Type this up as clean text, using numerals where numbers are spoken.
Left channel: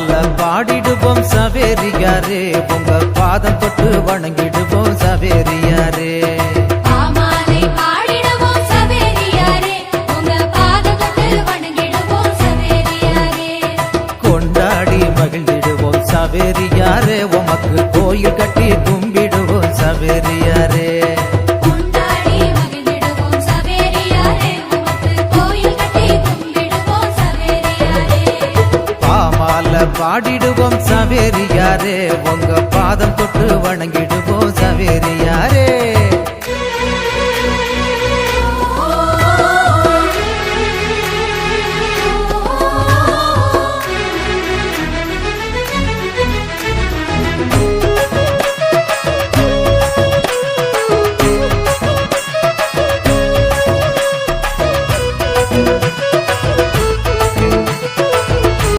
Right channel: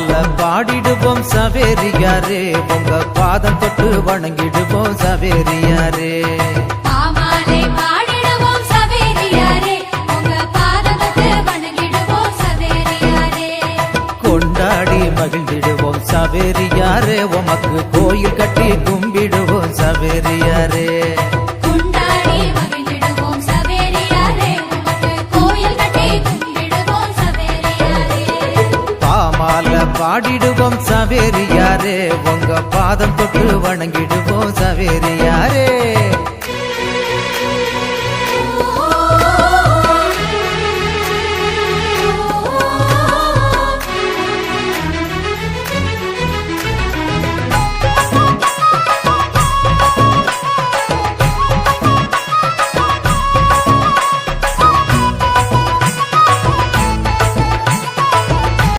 பாமால பாடிடுவோம் சவேரியாரே உங்க பாதம் தொட்டு வணங்கிடுவோம் சவேரியாரே பாமாலை பாடிடுவோம் சவேரியாரே உங்க பாதம் தொட்டு வணங்கிடுவோம் சவேரியாரே கொண்டாடி மகிழ்ந்திடுவோம் சவேரியாரே உமக்கு கோயில் கட்டி கும்பிடுவோம் சவேரியாரே கொண்டாடி மகிழ்ந்திடுவோம் சவேரியாரே உமக்கு கோயில் கட்டி கும்பிடுவோம் சவேரியாரே பாமால பாடிடுவோம் சவேரியாரே உங்க பாதம் தொட்டு வணங்கிடுவோம் சவேரியாரே